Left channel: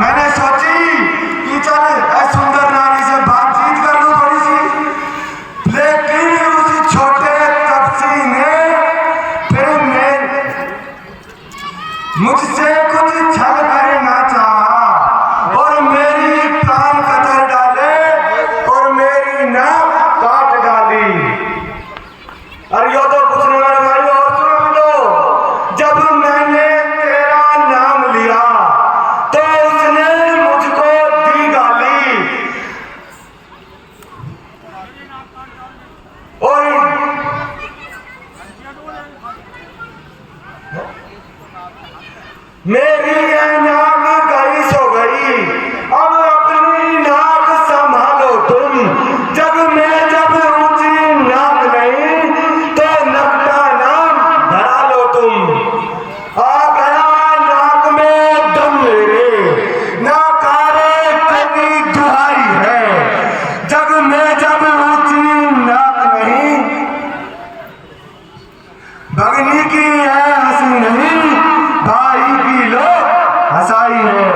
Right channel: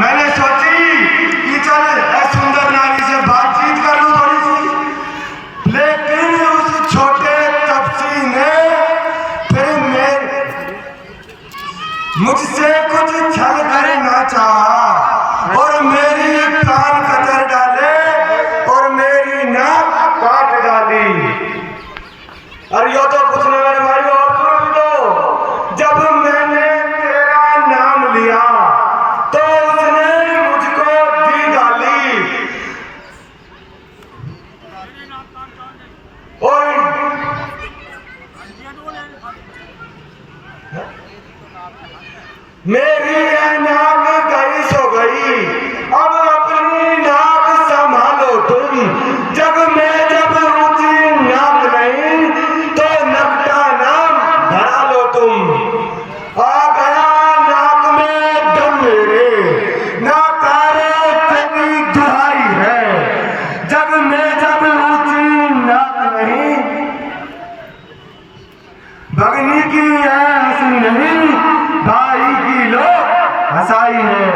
मैंने सोची कि चल सुंदर नारी से बातचीत कर लूं थोड़ी सी, लेकिन उस छोटे तपसी ने फिर मुझसे कुछ छल करना चाहा और मेरी कान कतर डाले और मेरी नाक काट डाली। अरे यो तो कुछ नहीं मेरे भाई, और सुनो भी तो, जब मैंने तेरा नाम लिया तो उसने मुझको दी गाली और मेरी नाक गई सो गई। अब अपनी नाक संभालो तुम, जब ऊंची नाक नहीं तो नकटा नाम धरा लो तुम। आ गया नाक में दम मेरे, नाकारे तेरी दुहाई है, जब ऊंची नाक नहीं। भगनी की है हंसी नहीं, भाई की लोग हंसाई है।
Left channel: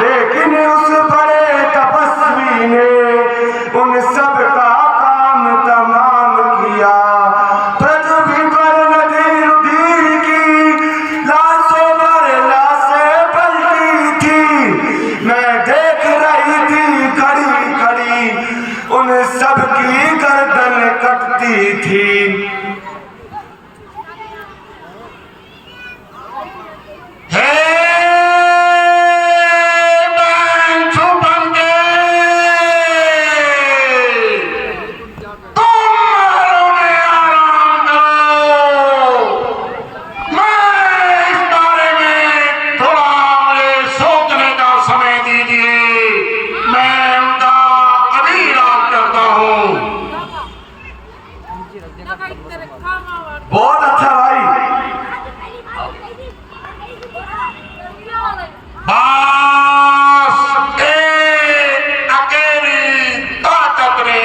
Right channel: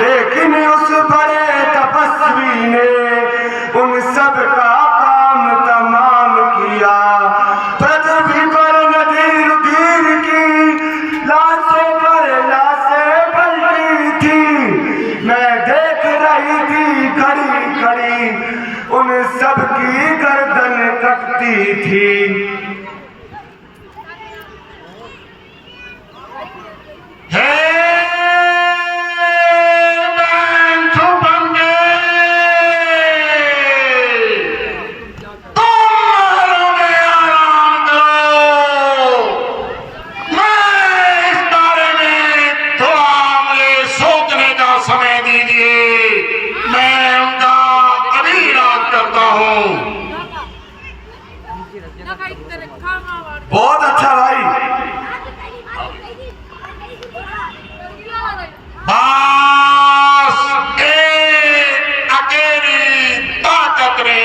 लेकिन उस बड़े तपस्वी ने उन सब का काम तमाम किया। पृथ्वी पर नदी रुधिर की लाशों पर लाशें पलटी थी। मैं देख रही थी खड़ी खड़ी उन सब की गर्दन कटती थी। बहुत अच्छा भाई। बस एक अकेली ताकत ने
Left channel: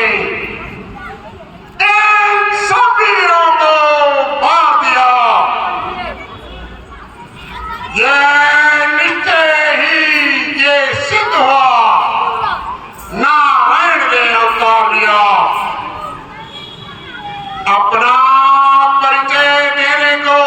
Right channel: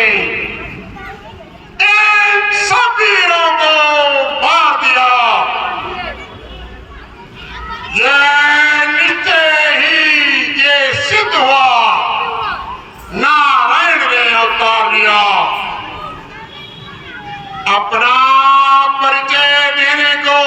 इन सब वीरों को मार दिया। ये निश्चय ही ये सिद्ध हुआ, नारायण ने अवतार लिया। अपना परिचय देने को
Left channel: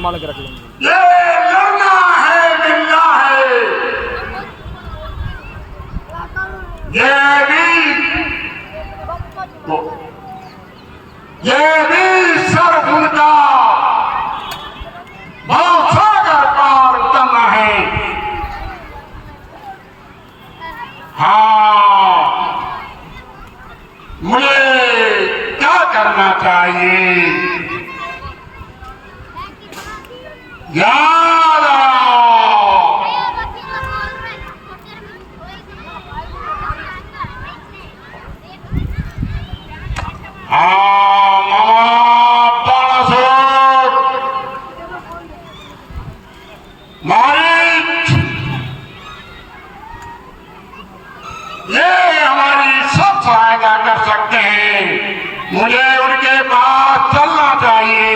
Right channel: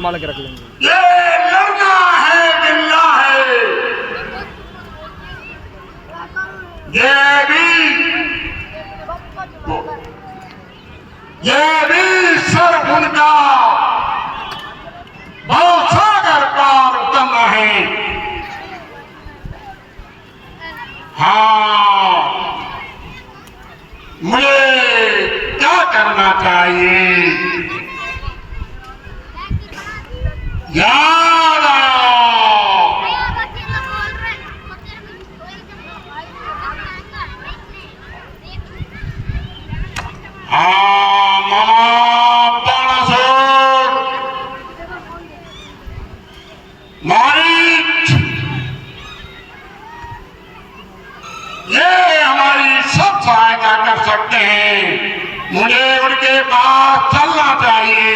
संभाल के रख लेंगे। ये लड़ना है मिलना है, ये भी सर ऊंचा भवसागर पार उतरना है। हाँ, मुझे क्या करना चाहिए? ये हमारी सब सहायता कर सकते हैं, मुझे उनके पास चलना चाहिए।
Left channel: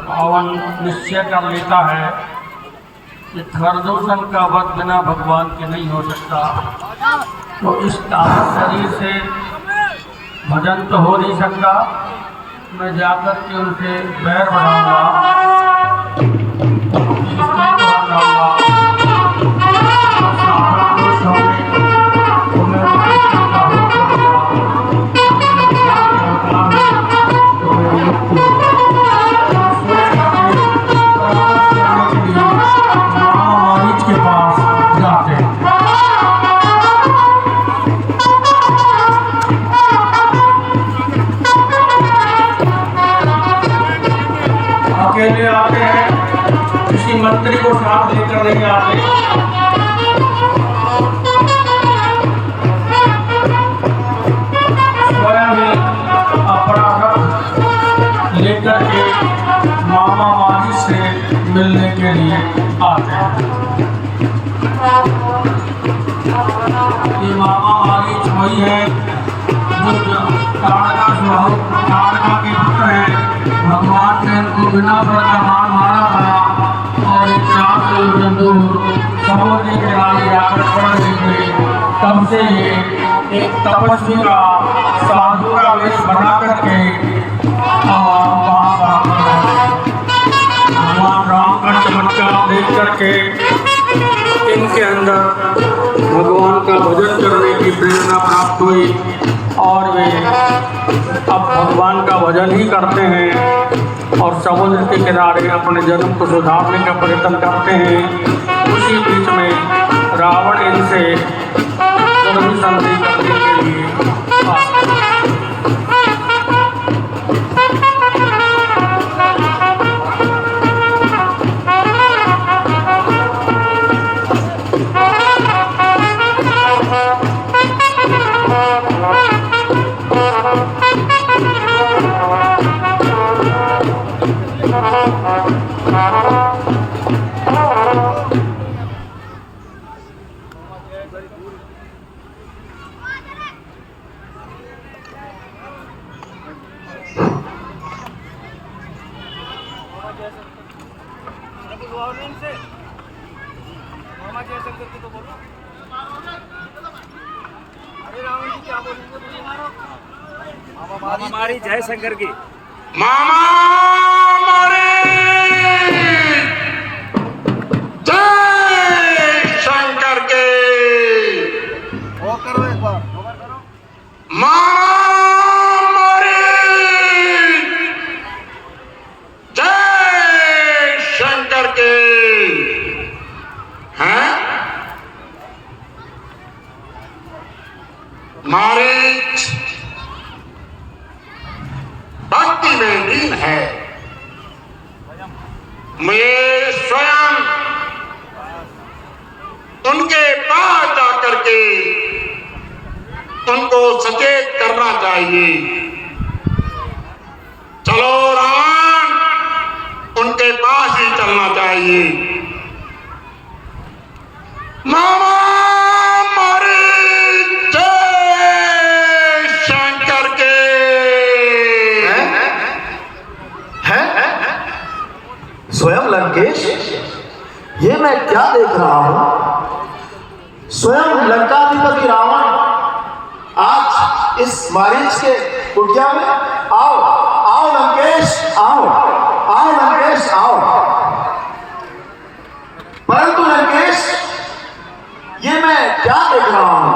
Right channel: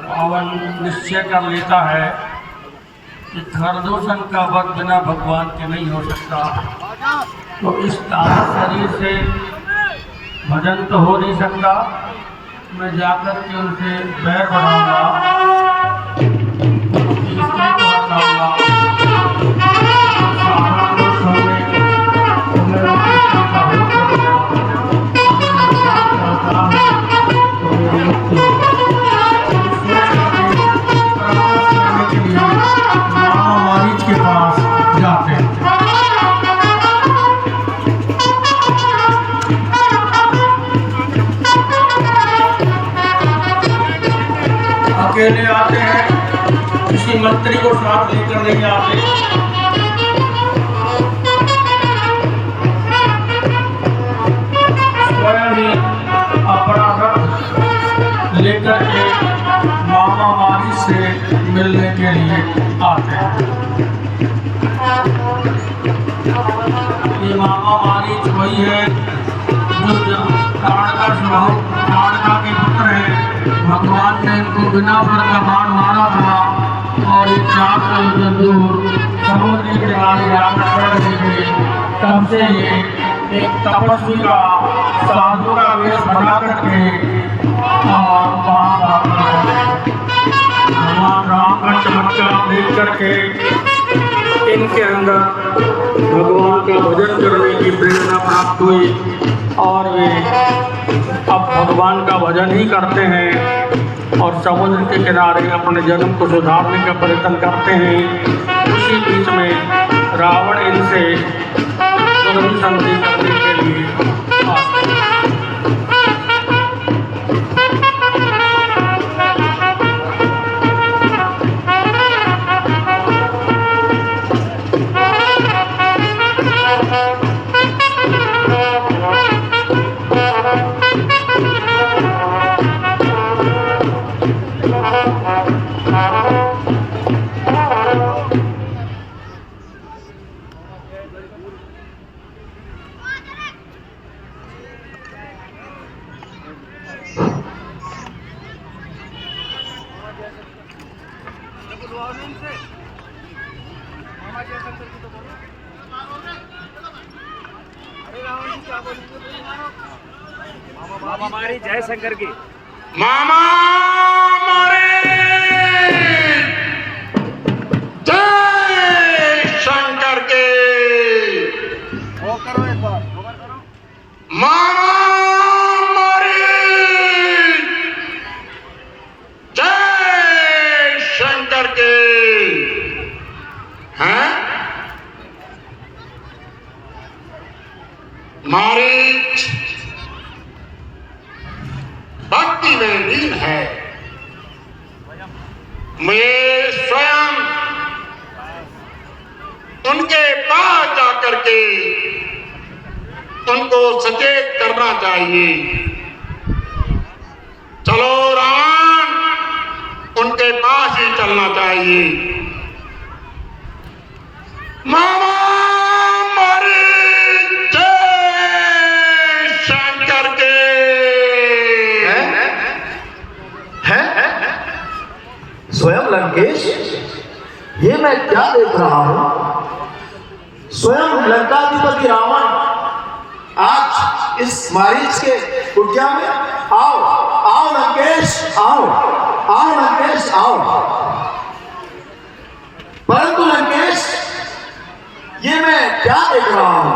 रावण निश्चय कर लेता है कि खरदूषण का वध बिना भगवान के नहीं हो सकता, तो इस ताजा शरीर से भजन तो हो नहीं सकता। मैं जाकर के उनसे बैर बढ़ाऊंगा, के पास जाते हैं। अकेले आते हैं, किसी मंत्री को साथ लेकर नहीं आते। स्वयं ही अपना रथ लेकर के मामा मारी से मिलने के लिए आते हैं। ये मामा मारीच वही है जो ताड़का के पुत्र है। भगवान ने इनको बिना फल का बाण मारा था और ये 400 योजन दूर समुद्र के किनारे आकर पड़ गए। तब से ये एक तपस्वी का साधु का वेश बना करके भगवान राम का चमत्कार देख करके इनके अंदर भगवान का भजन करने की प्रेरणा प्राप्त हुई और वे अब भगवान का भजन ही करते हैं और समुद्र के किनारे अपने जन्म को सुधारने का प्रयत्न करते हैं। उसी बीच में रावण इनसे जल्दी संधि करने के लिए आते हैं। हमारी जय शंकर की मामा मारे जय शंकर के मामा मारे जय शंकर के। हैं मारीच भक्ति में लीन है। मैं स्वयं उनके पास जाकर के उनको सचेत करना चाहिए। चलो राम, उनके पास ही चलना चाहिए। मामा मारी जय शंकर के। हैं? लंकेश, ये मैं क्या देख रहा हूं? स्वयं लंकाधिपति रावण आज इस मारीच के कुटिया में। आओ आओ लंकेश, आओ आओ लंकेश, आओ। परंतु लंकेश, ये मैं क्या देख रहा हूं?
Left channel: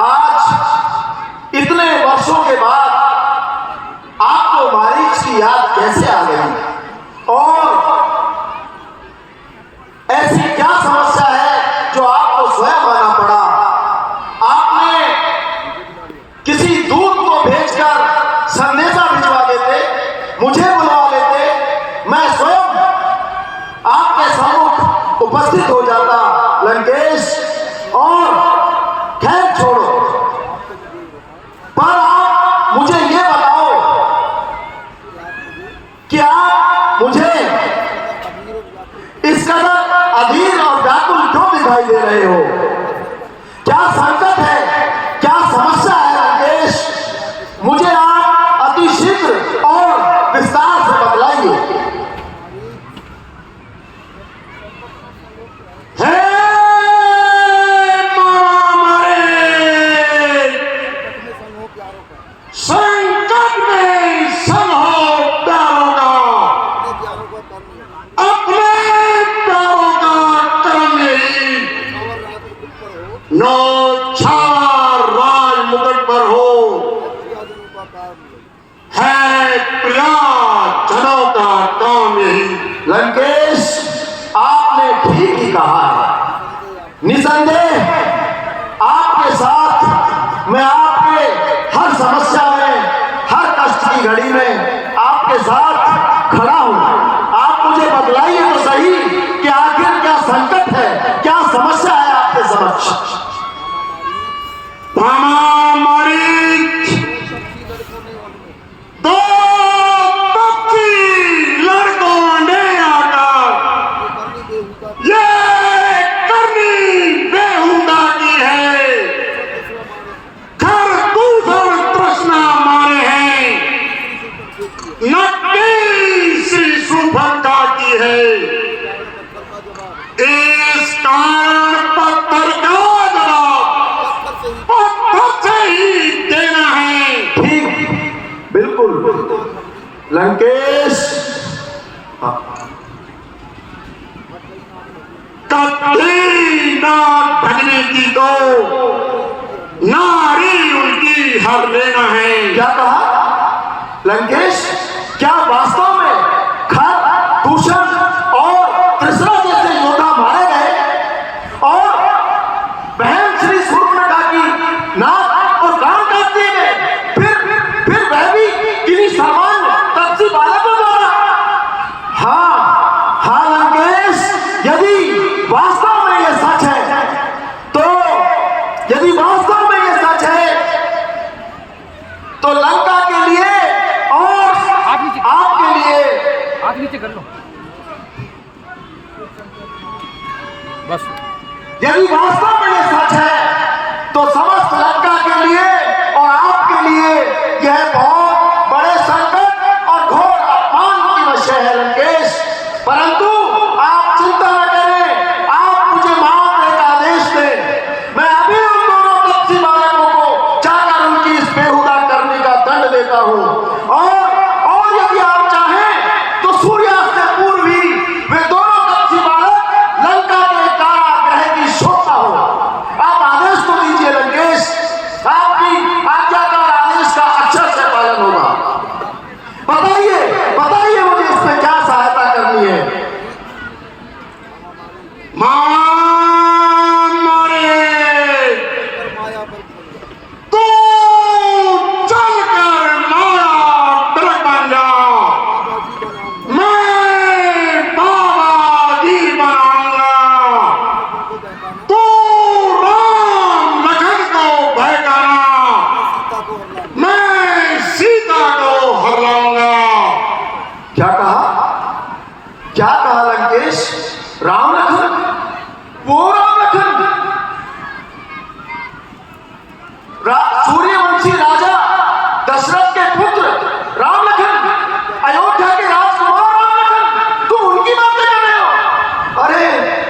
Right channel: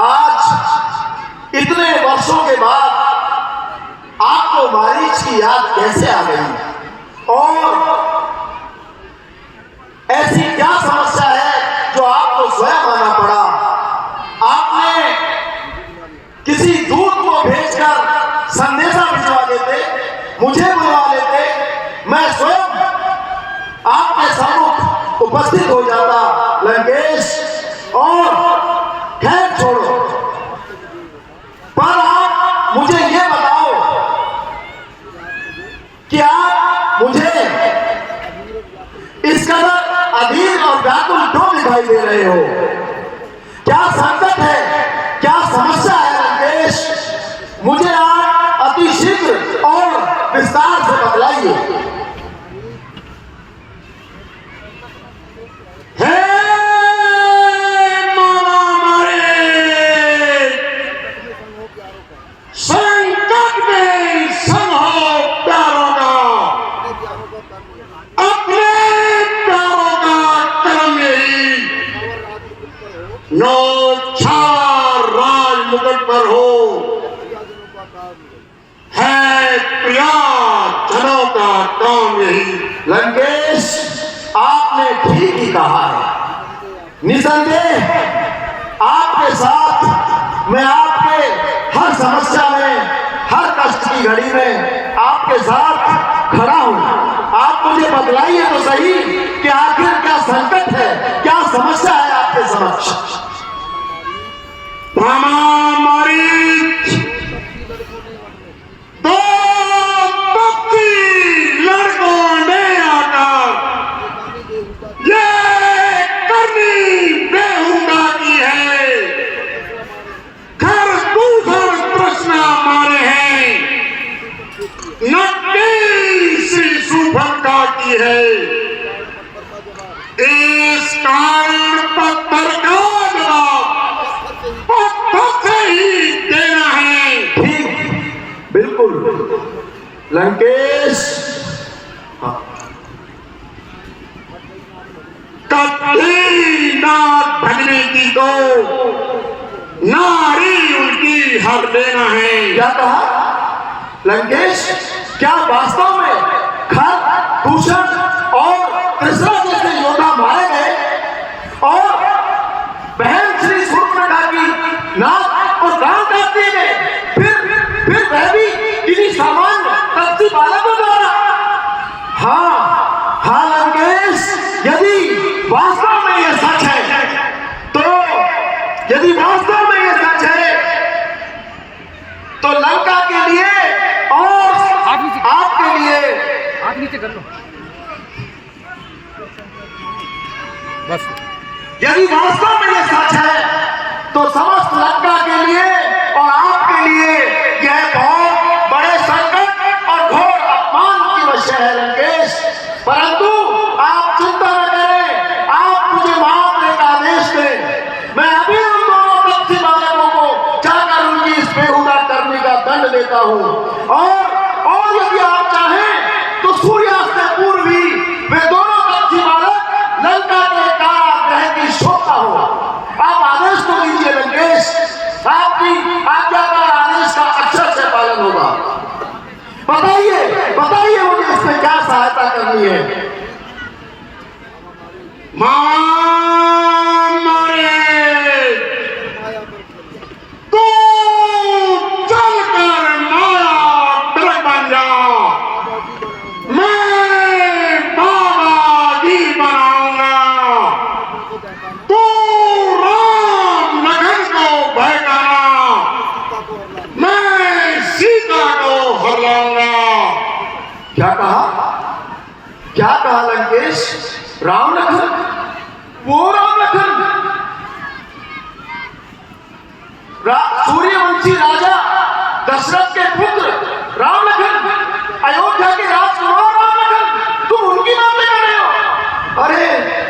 आज इतने वर्षों के बाद आपको मारीच की याद कैसे आ गई? और ऐसी क्या समस्या है जो आपको स्वयं आना पड़ा? आपने किसी दूत को भेजकर संदेशा भिजवा देते, मुझे बुलवा लेते, मैं स्वयं आपके सम्मुख उपस्थित हो जाता लंकेश। और खैर छोड़ो, पर आप मुझे ये बताओ कि आप मुझे इस कदर अधीर और व्याकुल क्यों दिखाई दे रहे हो? क्या संकट है, क्या समस्या है लंकेश? मुझे आप अति शीघ्र और विस्तार से बतलाइए। संकट में संग हो प्यारों का, अपने प्यारों का कर्म यही, नो छावा राज मुकुट पर हो, है प्रिया जनों का काम यही। लंकेश, आपने ठीक ही कहा है। निसंदेह आपके साथ मैं आपके हर समस्या में, हर कष्ट की घड़ी में आपके साथ खड़ा हूं। आप मुझे बतलाइए तो सही कि आखिर क्या संकट है, क्या समस्या है आपके समक्ष? दो पक्षी लड़कों ने आकर ये करनी बेहुदा की है, घर दूसर तृष्णा मारे हैं, नक्की श्री सुभद्रा की है। इस कारण पत्थर का जवाब पत्थर से ही देना है। ठीक, बिल्कुल लंकेश। कभी ना भगने की दो, नारी उनकी हर देना है। क्या कहा लंकेश? क्या वास्तव में खर, दूषण और त्रिशरा जैसे योद्धा मारे गए और बहन श्री सूर्पणखा की नाक और कान काट दिए गए? फिर वह भी किसी सामान्य कच्ची बालकों द्वारा? हाँ हाँ लंकेश, यदि वास्तव में यह सच है तो, यदि वास्तव में यह सच है तो लंका के लिए और आपके लिए, आप नीचे कर लो बस। यदि वास्तव में यह सच है तो समस्त लंका के लिए और आपके लिए यह बहुत बड़े संकट और घोर अपमान की विषय है लंकेश। परंतु आप चिंता न करें, आप मुझे मात्र एक आदेश दें, मैं अभी उन दोनों पक्षी बालकों को जाकर उनकी इस बेहुदा करने का दंड देता हूं। और यदि आप चाहें तो सूर्यास्त से पूर्व ही वे दोनों पक्षी बालक लंका के कारागृह की शोभा हो। आप आदेश तो दीजिए लंकेश, आपकी आज्ञा का आदेश का अक्षर से पालन होगा। बताइए बताइए मुझे इसमें क्या सहायता करनी है? तू चलकर माया कर बन जा, मैं बाबा जी बनाऊंगा। तू राम लखन को भगाना, मैं सीता को हराऊंगा। क्या कहा? क्या कहा लंकेश? राम लखन? वो राम लखन सूर्यवंशी राजा दशरथ के पुत्र राम लखन, अयोध्या के राजकुमार राम लखन, तू उनकी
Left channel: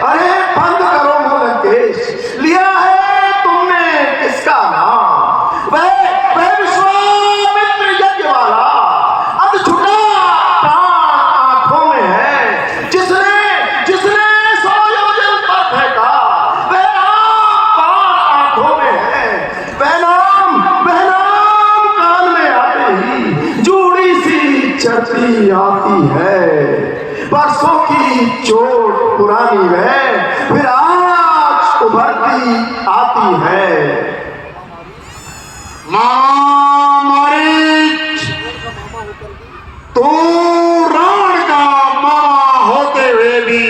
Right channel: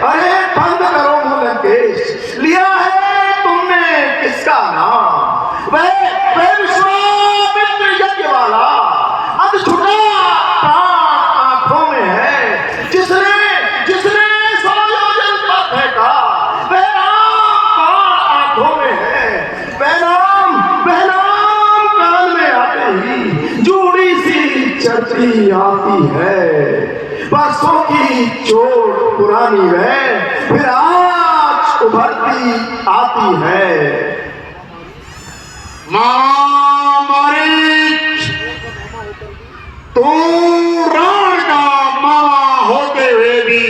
अरे बंद करो लंकेश, लिया है तुमने किसका नाम? वह विश्वामित्र यज्ञ वाला अधछुटा प्राण आंखों में है, जिसने सौ योजन पर फेंका, वह राम प्राण आंखों में है। वह नाम कान में आते ही जूड़ी सी चढ़ती आती है, परसों की चोट पुरानी है, फिर आज उभरती आती है। मारीच, तू राण का मामा होते हुए भी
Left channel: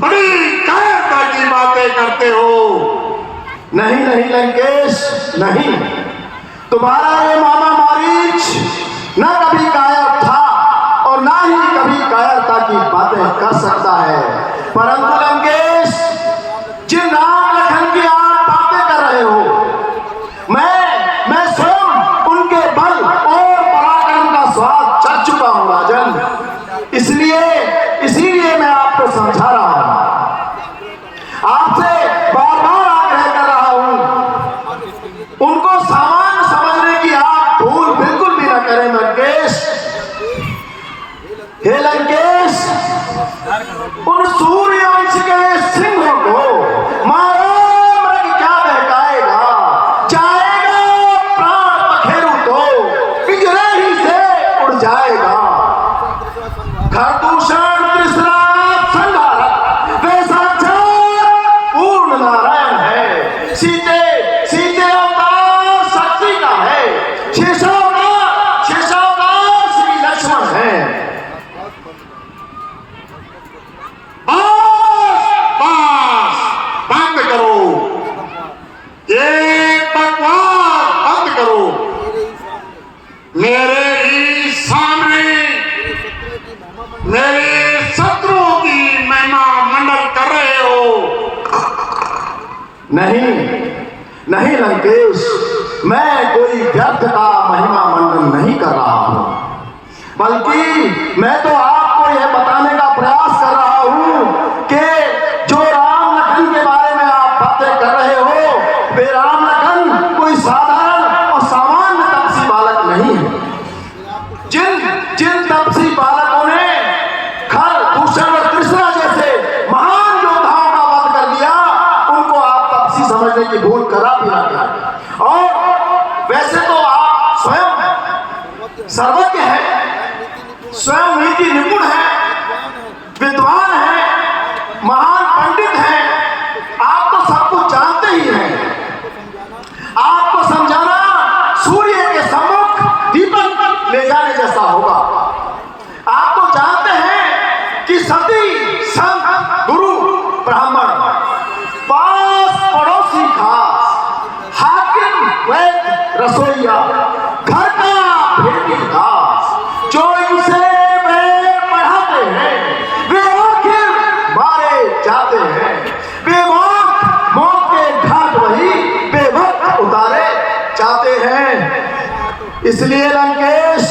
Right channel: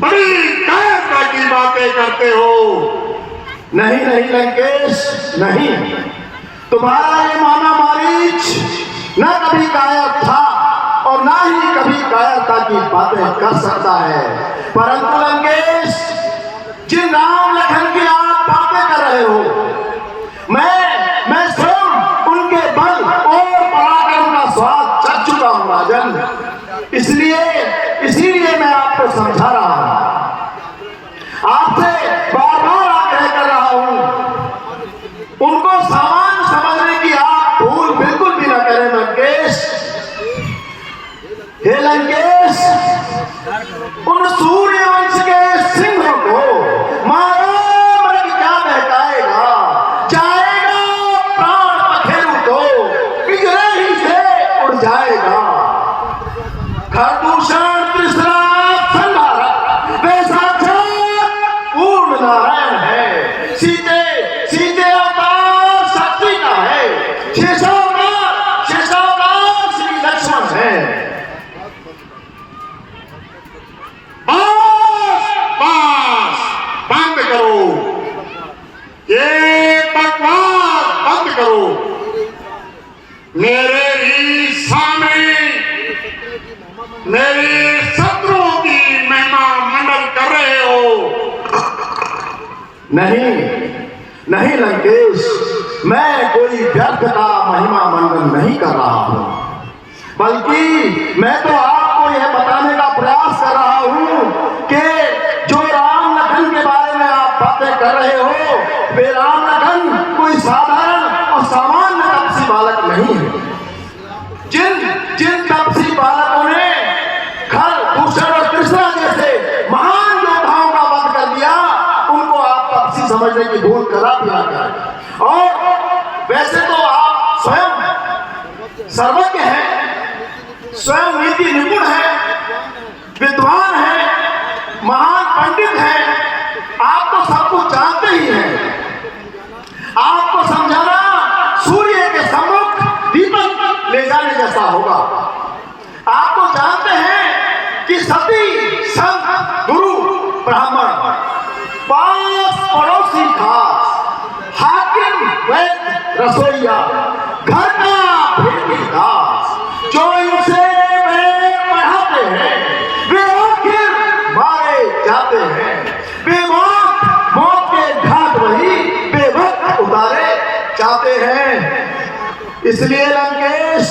बड़ी कायरता की बातें करते हो। नहीं लंकेश, नहीं, तुम्हारा ये मामा मारीच न कभी कायर था और ना ही कभी कायरता की बातें कर सकता है। परंतु लंकेश, जिन राम लखन की आप बातें कर रहे हो, मैं स्वयं उनके बल और पराक्रम का स्वाद चख चुका हूं राजन। इसीलिए मैं आपको समझा रहा हूं, आपसे बार-बार आग्रह कर रहा हूं, उनको सामान्य समझने की आप भूल बिल्कुल भी न करें लंकेश। हे लंकेश, उन सूर्यवंश के सिंह को मारो, मृग क्या बहकाएगा, जाएगा प्राण पखेरु तो पिंजरे ही से उड़ जाएगा। खरदूषण तृष्णा संहारक वे साक्षात पूर्ण नारायण है, सीते अवतार शक्ति का है, शेषावतार श्री लक्ष्मण है। बंद करो ये बकवास, बंद करो। मेरे ही सामने मेरे शत्रुओं की महिमा मंडल कर रहे हो। नहीं लंकेश, मैं कोई व्यर्थ का महिमा मंडन नहीं कर रहा हूं, बल्कि मैं तो आपको यह बताने का प्रयास कर रहा हूं कि जो राम लखन के बारे में आप बातें कर रहे हो, वे राम लखन कोई साधारण और सामान्य तपसी बालक नहीं है। जिन तपसी बालकों ने खरदूषण और तृष्णा जैसे महान योद्धाओं का वध कर दिया, उनको आप तपसी समझने की भूल करा भी ना करें। और वैसे तो आप स्वयं सर्वज्ञ हैं, स्वयं नीति निपुण हैं, विद्वान हैं, महान पंडित हैं, आप तो सब कुछ जानते ही हैं। आपको समझाना सूर्य के सम्मुख दीपक ले जाने जैसा होगा। आप तो जानते हैं कि सती संत गुरु ब्राह्मण पास पड़ोसी खास, हाकिम वैद्य रसोईया, घर का भेदी खास, जो इनसे वे पढ़ाते हैं वे आखिर मारे जाते हैं। बेवक्त मौत के घाट वही बेवक्त उतारे जाते हैं। इसलिए लंकेश,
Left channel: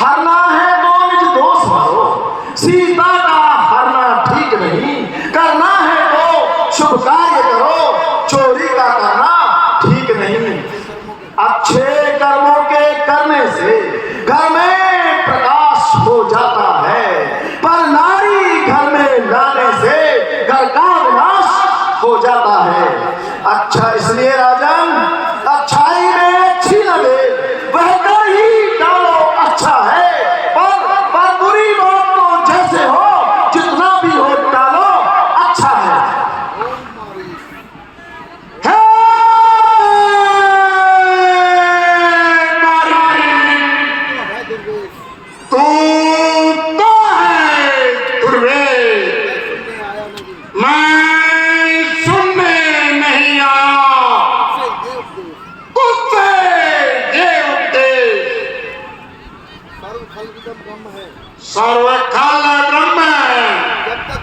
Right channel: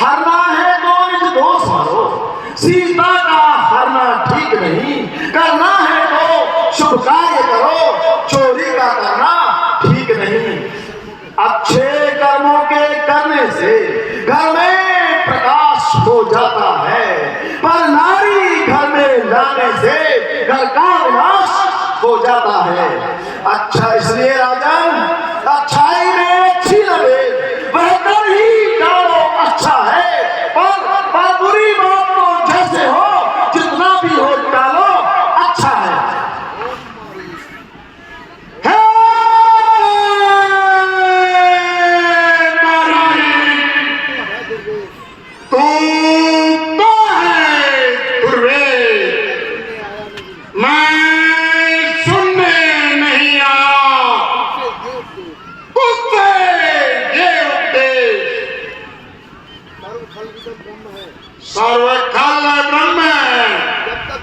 हरना है तो निज दोष मारो, सीता का हरना ठीक नहीं, करना है तो शुभ कार्य करो, चोरी का करना ठीक नहीं। अच्छे कर्मों के करने से घर में प्रकाश हो जाता है, पर नारी घर में लाने से घर का विनाश हो जाता है। अच्छा, इसलिए राजन, अच्छाई में अच्छी लगे वह कर ही डालो, अच्छा है, पर बुरी बात तो जैसे हो जितना भी हो डालो, अच्छा है। तू तो है दुर्वेद, मैं सुनने नहीं आया तुझसे ये उपदेश। सर्वखल ब्रह्म है, जब तक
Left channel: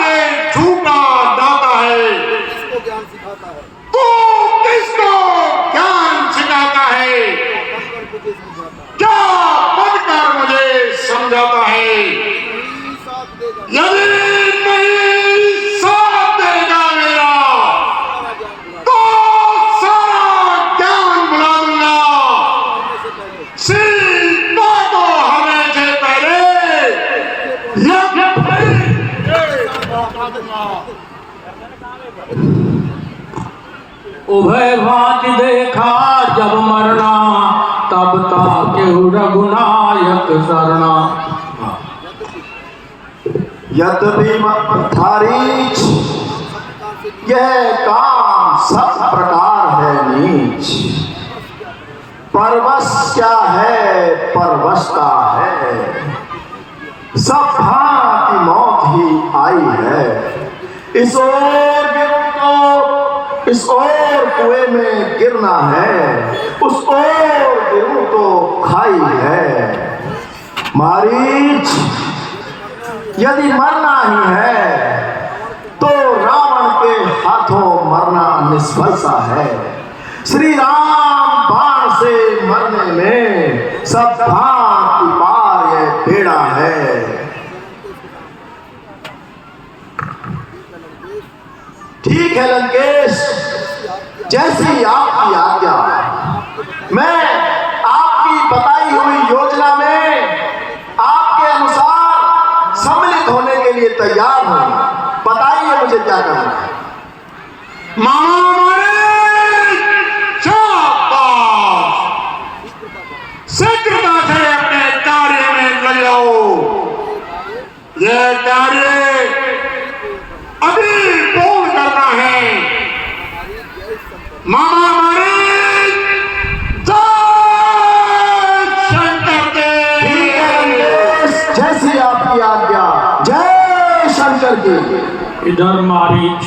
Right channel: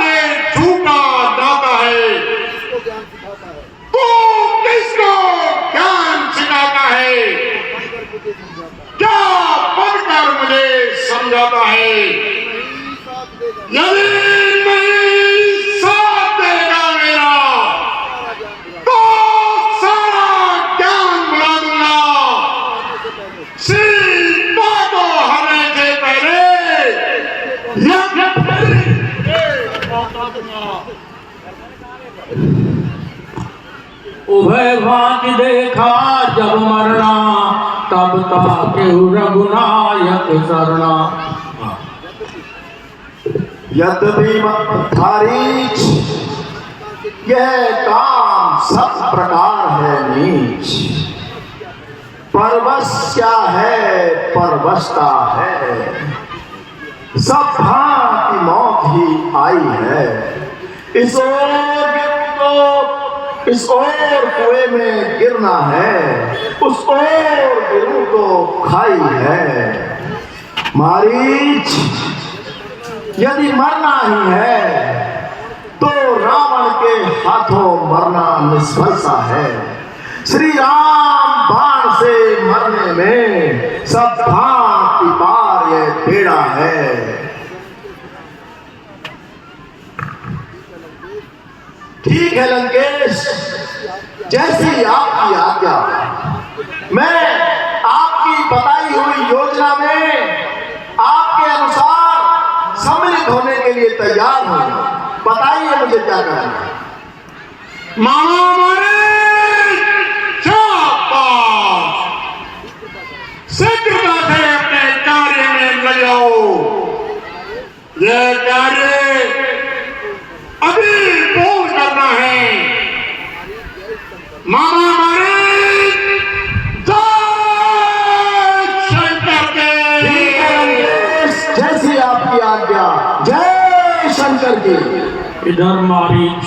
ये झूठा नाता है, तू किसको ज्ञान सिखाता है, क्या बनकर मुझे समझाता है। यदि नहीं साथ देगा मेरा तो सारा ज्ञान बुला दूंगा। सीता को हमें से पहले उभय भांति देखा जब मरना, तब ताके रघुनायक शरणा। यद्यपि मत्थारीच यह काम सब प्रकार है नीच, परवश क्या है परवशता है, सब भांति मौत ही आई है। इस ओर गिरो तो इस ओर कुएं में गिरना है, उस ओर गिरूं तो खाई है। मारीच यदि मरना ही है तो रावण के हाथों मरना निष्फल सा है। श्री राम बाण से मरने में सब भांति पार ये बेड़ा है। ठीक है लंकेश, जैसी आपकी आज्ञा। मैं आपकी बताई हुई योजना में आपके अनुसार सम्मिलित होने के लिए तैयार हूं। बताइए मुझे क्या करना है। शीघ्रता से अपने कार्य में लग जाओ। यह कार्य अभी पूर्ण करना है। मामा हमारे शंकर के जैसी आपकी आज्ञा। जय शंकर की। इधर मारीच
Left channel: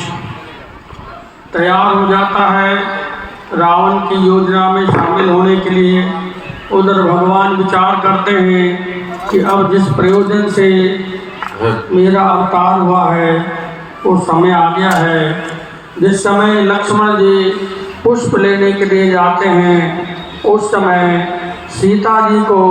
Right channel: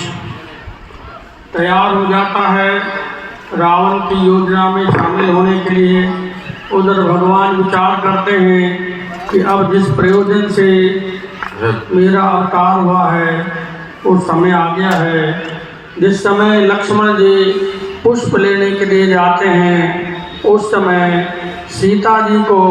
तैयार हो जाता है रावण की योजना में शामिल होने के लिए। उधर भगवान विचार करते हैं कि अब जिस प्रयोजन से मेरा अवतार हुआ है वो समय आ गया है। जिस समय लक्ष्मण जी पुष्प लेने के लिए जाते हैं उस समय सीता जी को